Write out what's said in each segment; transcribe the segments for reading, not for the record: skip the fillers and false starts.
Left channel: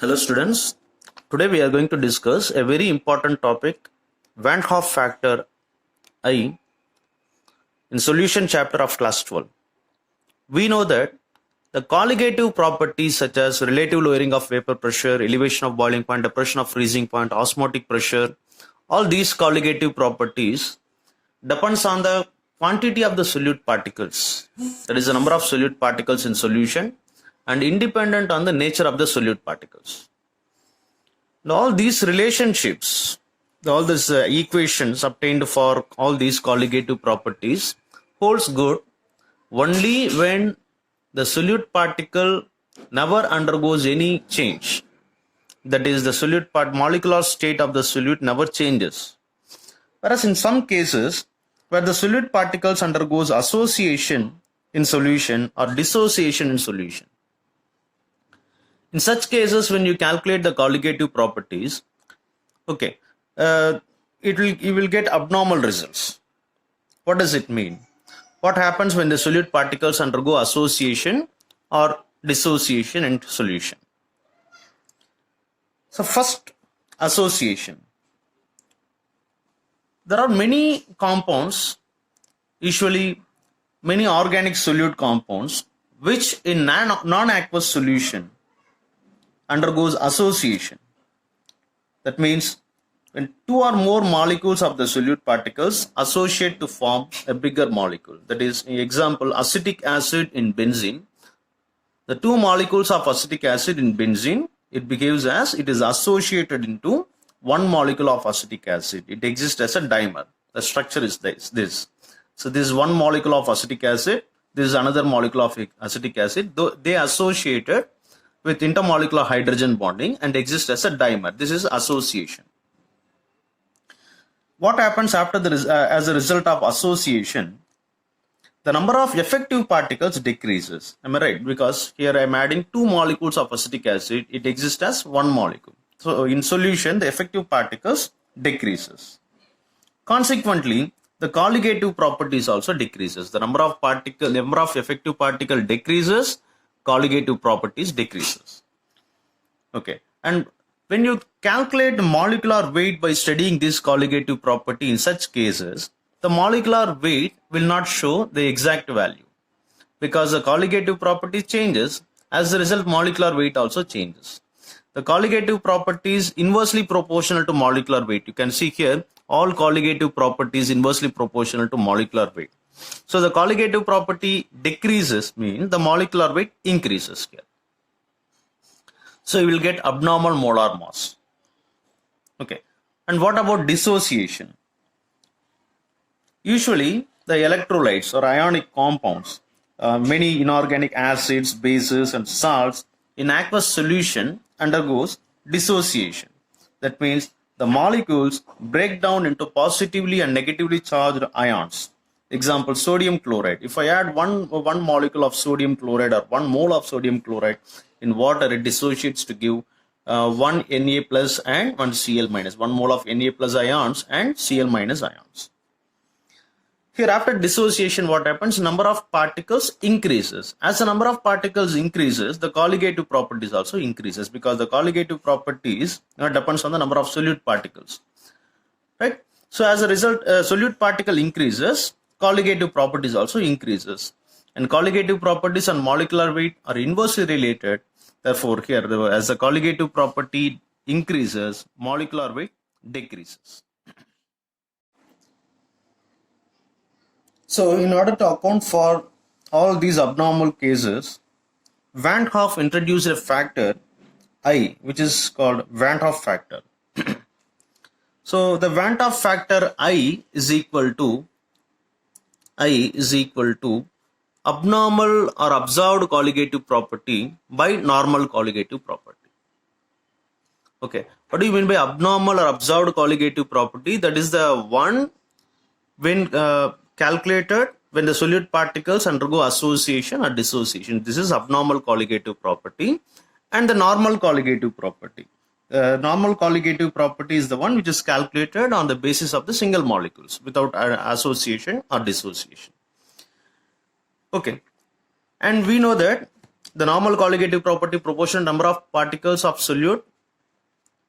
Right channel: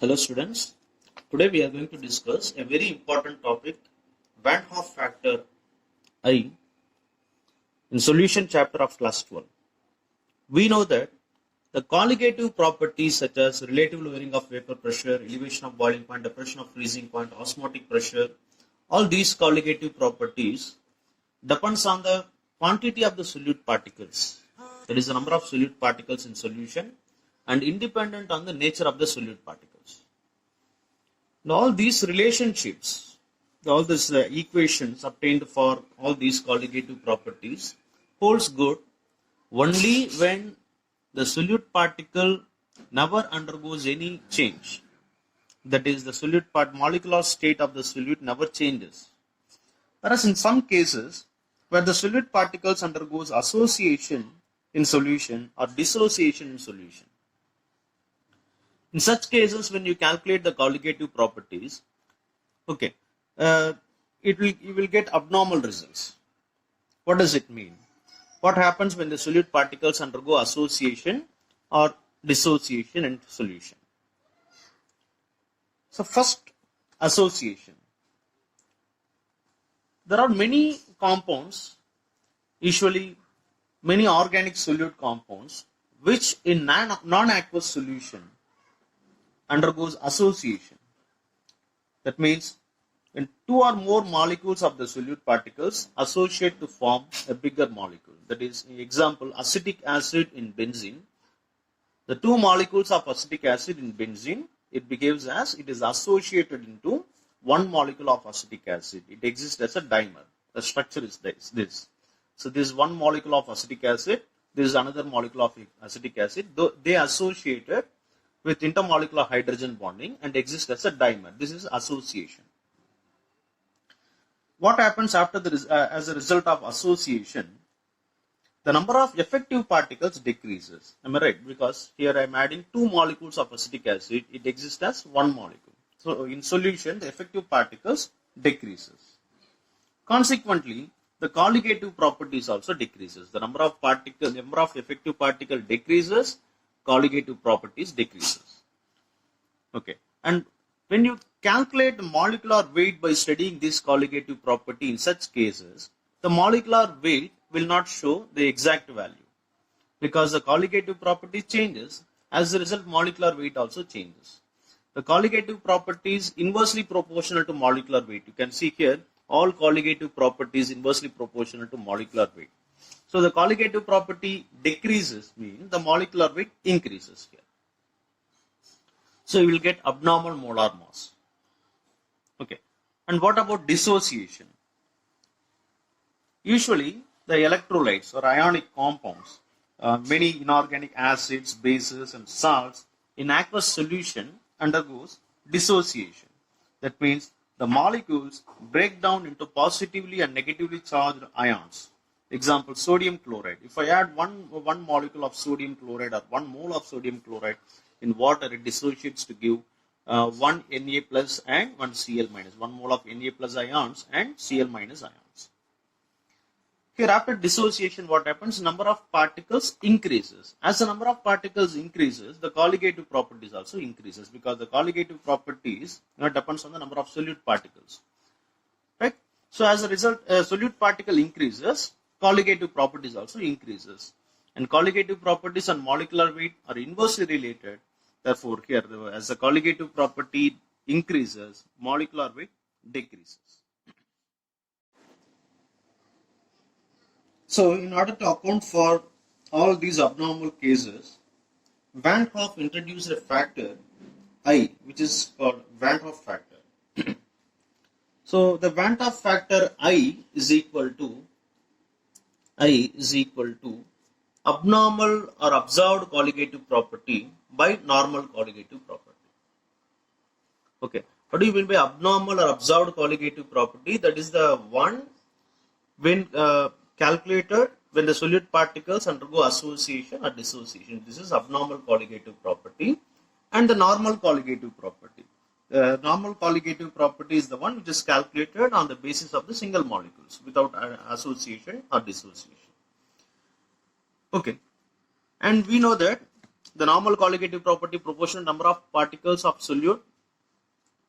Hello students, today we are going to discuss a very important topic, Vant Hoff factor I in solution chapter of class 12. We know that the colligative properties such as relative lowering of vapor pressure, elevation of boiling point, depression of freezing point, osmotic pressure, all these colligative properties depends on the quantity of the solute particles, that is the number of solute particles in solution, and independent on the nature of the solute particles. And all these relationships, all these equations obtained for all these colligative properties holds good only when the solute particle never undergoes any change. That is, the solute molecular state of the solute never changes. Whereas in some cases where the solute particles undergoes association in solution or dissociation in solution. In such cases, when you calculate the colligative properties, you will get abnormal results. What does it mean? What happens when the solute particles undergo association or dissociation in solution? So first, association. There are many compounds, usually many organic solute compounds, which in non-aqueous solution undergoes association. That means when two or more molecules of the solute particles associate to form a bigger molecule. That is, example, acetic acid in benzene. The two molecules of acetic acid in benzene, it behaves as it is associated into one molecule of acetic acid. It exists as a dimer. The structure is this. So this is one molecule of acetic acid. This is another molecule of acetic acid. They associated with intermolecular hydrogen bonding and exist as a dimer. This is association. What happens after as a result of association? The number of effective particles decreases. Am I right? Because here I am adding two molecules of acetic acid. It exists as one molecule. So in solution, the effective particles decreases. Consequently, the colligative properties also decreases. The number of effective particle decreases. Colligative properties decreases. Okay, and when you calculate the molecular weight by studying this colligative property in such cases, the molecular weight will not show the exact value because the colligative property changes. As a result, molecular weight also changes. The colligative property is inversely proportional to molecular weight. You can see here all colligative properties inversely proportional to molecular weight. So the colligative property decreases means the molecular weight increases here. So you will get abnormal molar mass. Okay. And what about dissociation? Usually the electrolytes or ionic compounds, many inorganic acids, bases and salts in aqueous solution undergoes dissociation. That means the molecules break down into positively and negatively charged ions. Example, sodium chloride. If I add one molecule of sodium chloride or 1 mole of sodium chloride in water, it dissociates to give 1 Na plus and 1 Cl minus, 1 mole of Na plus ions and Cl minus ions. Here after dissociation, what happens? Number of particles increases. As the number of particles increases, the colligative properties also increases because the colligative properties depends on the number of solute particles. Right? So as a result, solute particle increases, colligative properties also increases, and colligative properties and molecular weight are inversely related. Therefore, here as the colligative property increases, molecular weight decreases. So, in order to account for all these abnormal cases, Vant Hoff introduced a factor I, which is called Vant Hoff factor. So, the Vant Hoff factor I is equal to abnormal or observed colligative property by normal colligative property. Okay, what do you mean by abnormal or observed colligative property? That is the one when calculated when the solute particles undergo association or dissociation. This is abnormal colligative property. And the normal colligative property. Normal colligative property is the one which is calculated on the basis of the single molecules without association or dissociation. Okay, and we know that the normal colligative property proportional number of particles of solute,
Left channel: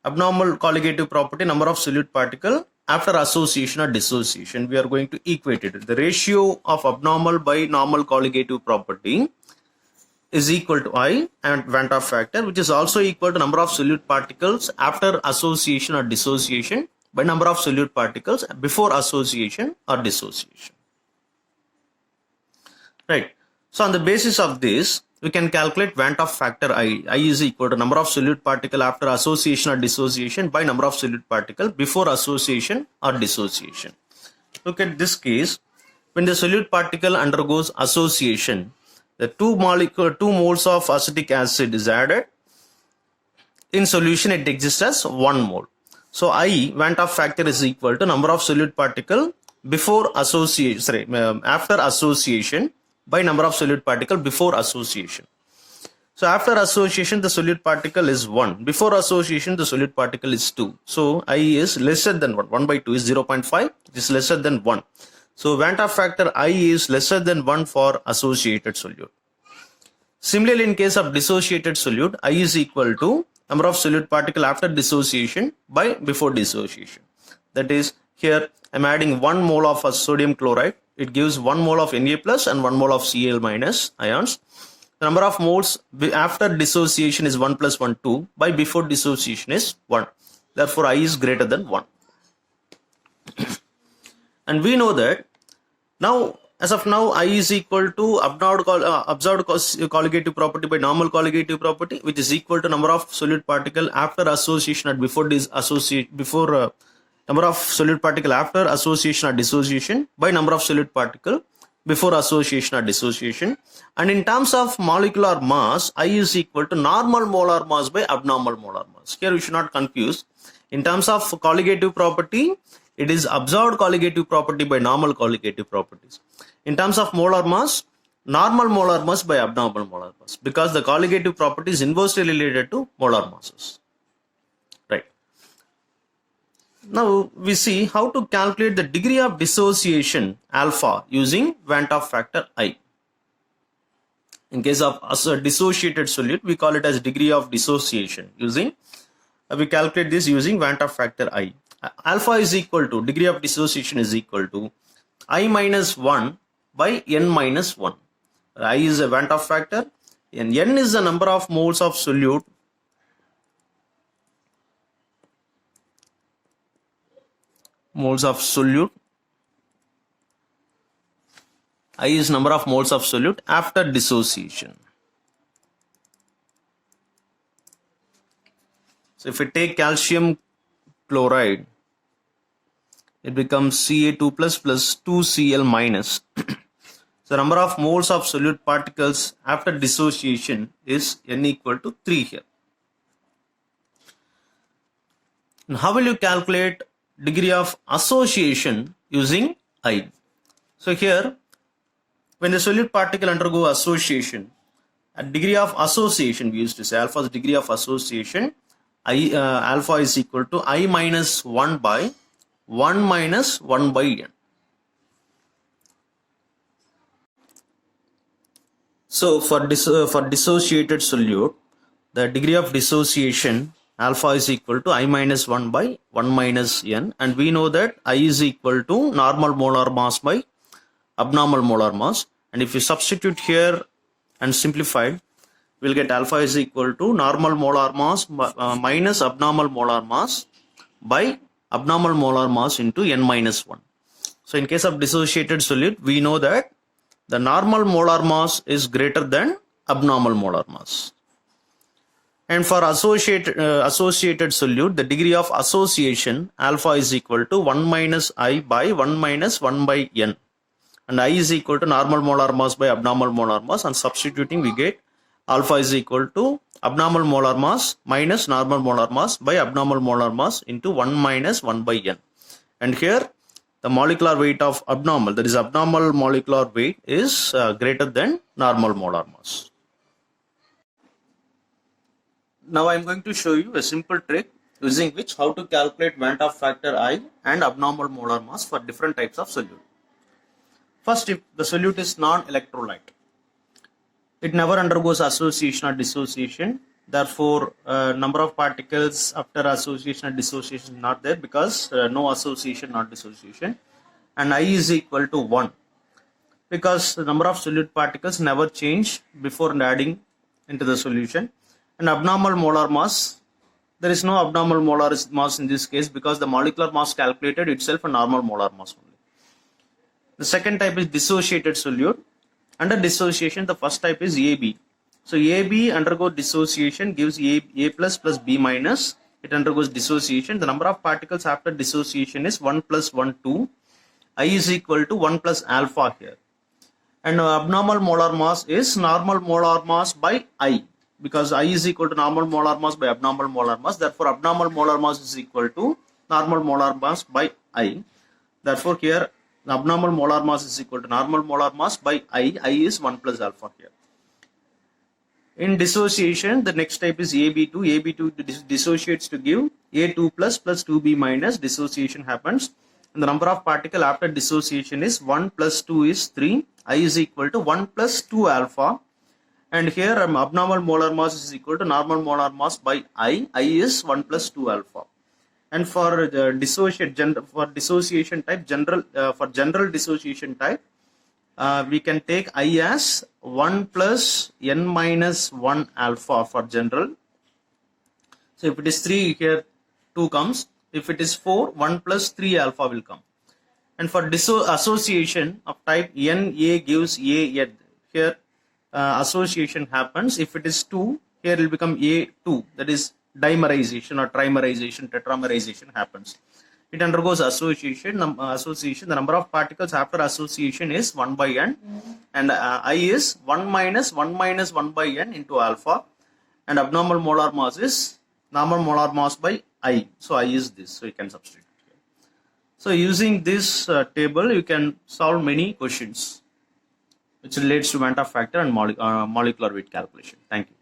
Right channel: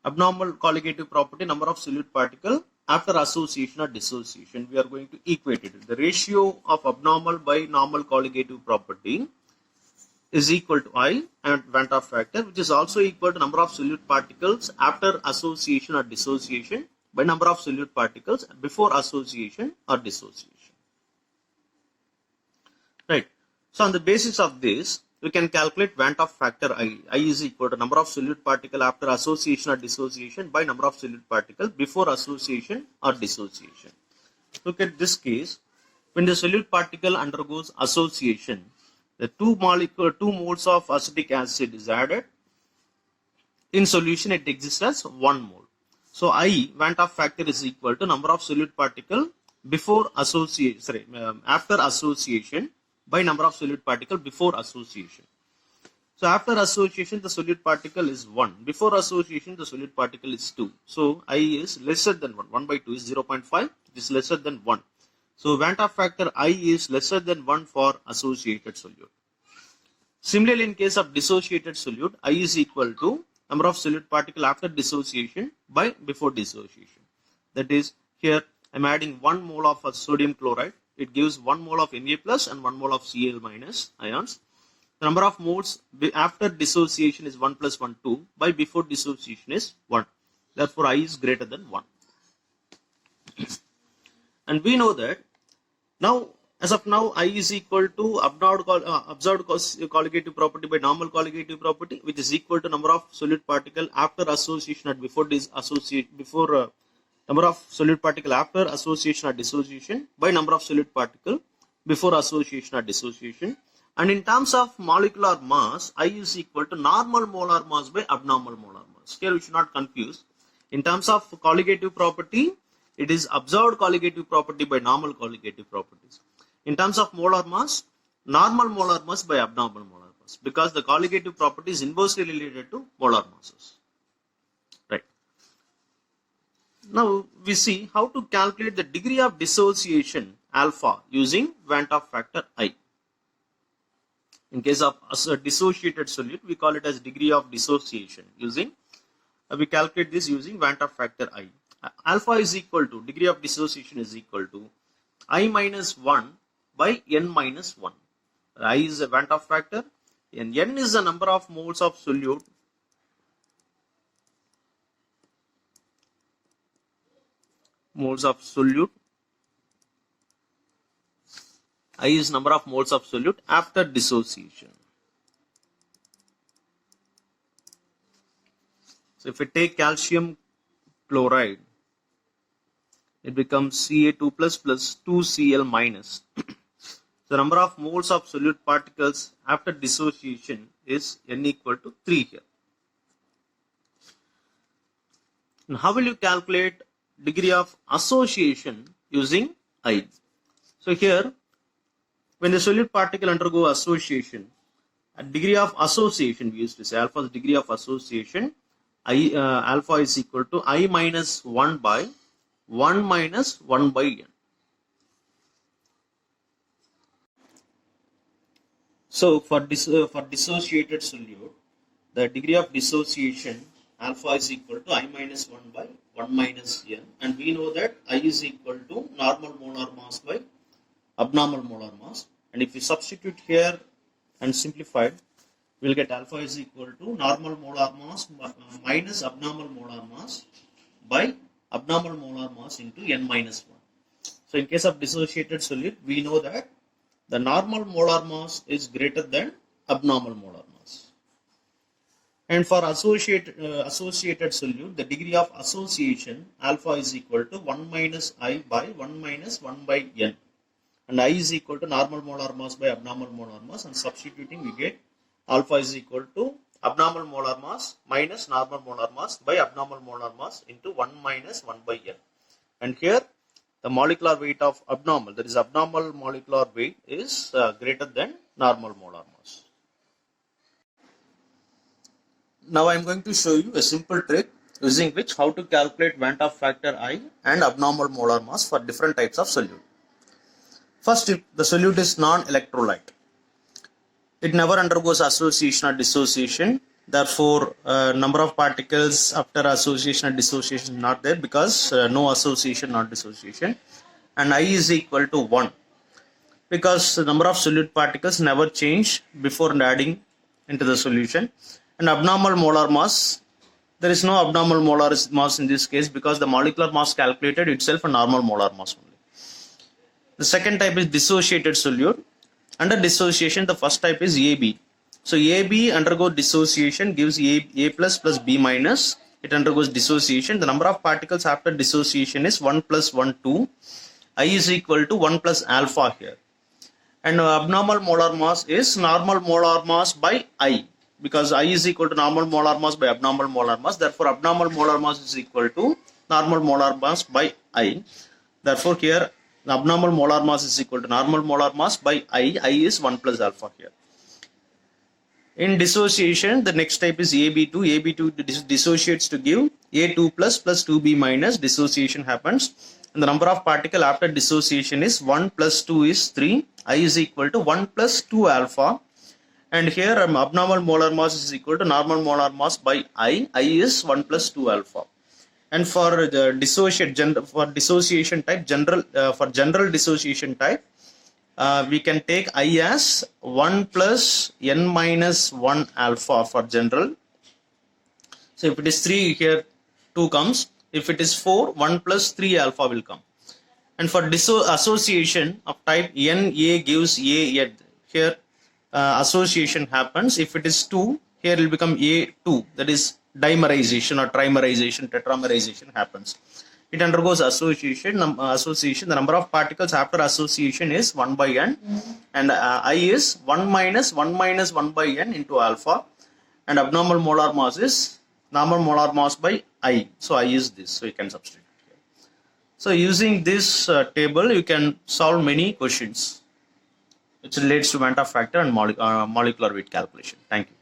abnormal colligative property number of solute particle after association or dissociation. We are going to equate it. The ratio of abnormal by normal colligative property is equal to I and Vant Hoff factor, which is also equal to number of solute particles after association or dissociation by number of solute particles before association or dissociation. Right. So on the basis of this, we can calculate Vant Hoff factor I. I is equal to number of solute particle after association or dissociation by number of solute particle before association or dissociation. Look at this case. When the solute particle undergoes association, the 2 moles of acetic acid is added. In solution, it exists as 1 mole. So I, Vant Hoff factor, is equal to number of solute particle before association, after association by number of solute particle before association. So after association, the solute particle is 1. Before association, the solute particle is 2. So I is lesser than 1. 1 by 2 is 0.5. It is lesser than 1. So Vant Hoff factor I is lesser than 1 for associated solute. Similarly, in case of dissociated solute, I is equal to number of solute particle after dissociation by before dissociation. That is, here I am adding 1 mole of sodium chloride. It gives 1 mole of Na plus and 1 mole of Cl minus ions. The number of moles after dissociation is 1 plus 1, 2. By before dissociation is 1. Therefore, I is greater than 1. And we know that now, as of now, I is equal to observed colligative property by normal colligative property, which is equal to number of solute particle after association and before number of solute particle after association or dissociation by number of solute particle before association or dissociation. And in terms of molecular mass, I is equal to normal molar mass by abnormal molar mass. Here we should not confuse. In terms of colligative property, it is observed colligative property by normal colligative properties. In terms of molar mass, normal molar mass by abnormal molar mass, because the colligative property is inversely related to molar masses. Right. Now we see how to calculate the degree of dissociation alpha using Vant Hoff factor I. In case of a dissociated solute, we call it as degree of dissociation. We calculate this using Vant Hoff factor I. Alpha is equal to, degree of dissociation is equal to I minus 1 by N minus 1. I is a Vant Hoff factor and N is the number of moles of solute I is number of moles of solute after dissociation. So if we take calcium chloride, it becomes Ca2 plus 2Cl minus. The number of moles of solute particles after dissociation is N equal to 3 here. And how will you calculate degree of association using I? So here, when the solute particle undergo association, at degree of association, we used to say alpha is degree of association, alpha is equal to I minus 1 by 1 minus 1 by N. So for dissociated solute, the degree of dissociation alpha is equal to I minus 1 by 1 minus N, and we know that I is equal to normal molar mass by abnormal molar mass, and if you substitute here and simplify, we'll get alpha is equal to normal molar mass minus abnormal molar mass by abnormal molar mass into N minus 1. So in case of dissociated solute, we know that the normal molar mass is greater than abnormal molar mass. And for associated solute, the degree of association alpha is equal to 1 minus I by 1 minus 1 by N. And I is equal to normal molar mass by abnormal molar mass, and substituting we get alpha is equal to abnormal molar mass minus normal molar mass by abnormal molar mass into 1 minus 1 by N. And here the molecular weight of abnormal, that is abnormal molecular weight, is greater than normal molar mass. Now I am going to show you a simple trick using which how to calculate Vant Hoff factor I and abnormal molar mass for different types of solute. First, if the solute is non-electrolyte, It never undergoes association or dissociation. Therefore, number of particles after association or dissociation is not there, because no association or dissociation. And I is equal to 1, because the number of solute particles never change before adding into the solution. And abnormal molar mass, there is no abnormal molar mass in this case, because the molecular mass calculated itself a normal molar mass only. The second type is dissociated solute. Under dissociation, the first type is AB. So AB undergoes dissociation, gives A plus plus B minus. It undergoes dissociation. The number of particles after dissociation is 1 plus 1, 2. I is equal to 1 plus alpha here. And abnormal molar mass is normal molar mass by I, because I is equal to normal molar mass by abnormal molar mass. Therefore, abnormal molar mass is equal to normal molar mass by I. Therefore, here the abnormal molar mass is equal to normal molar mass by I. I is 1 plus alpha here. In dissociation, the next type is AB2. AB2 dissociates to give A2 plus plus 2B minus. Dissociation happens. And the number of particles after dissociation is 1 plus 2 is 3. I is equal to 1 plus 2 alpha. And here abnormal molar mass is equal to normal molar mass by I. I is 1 plus 2 alpha. And for the dissociation type, general dissociation type, we can take I as 1 plus n minus 1 alpha for general. So if it is 3, here 2 comes. If it is 4, 1 plus 3 alpha will come. And for association of type NA gives A, here association happens. If it is 2, here it will become A2, that is dimerization or trimerization, tetramerization happens. It undergoes association. The number of particles after association is 1 by n, and I is 1 minus 1 minus 1 by n into alpha, and abnormal molar mass is normal molar mass by I. So I is this, so you can substitute here. So using this table, you can solve many questions which relates to Vant factor and molecular weight calculation. Thank you.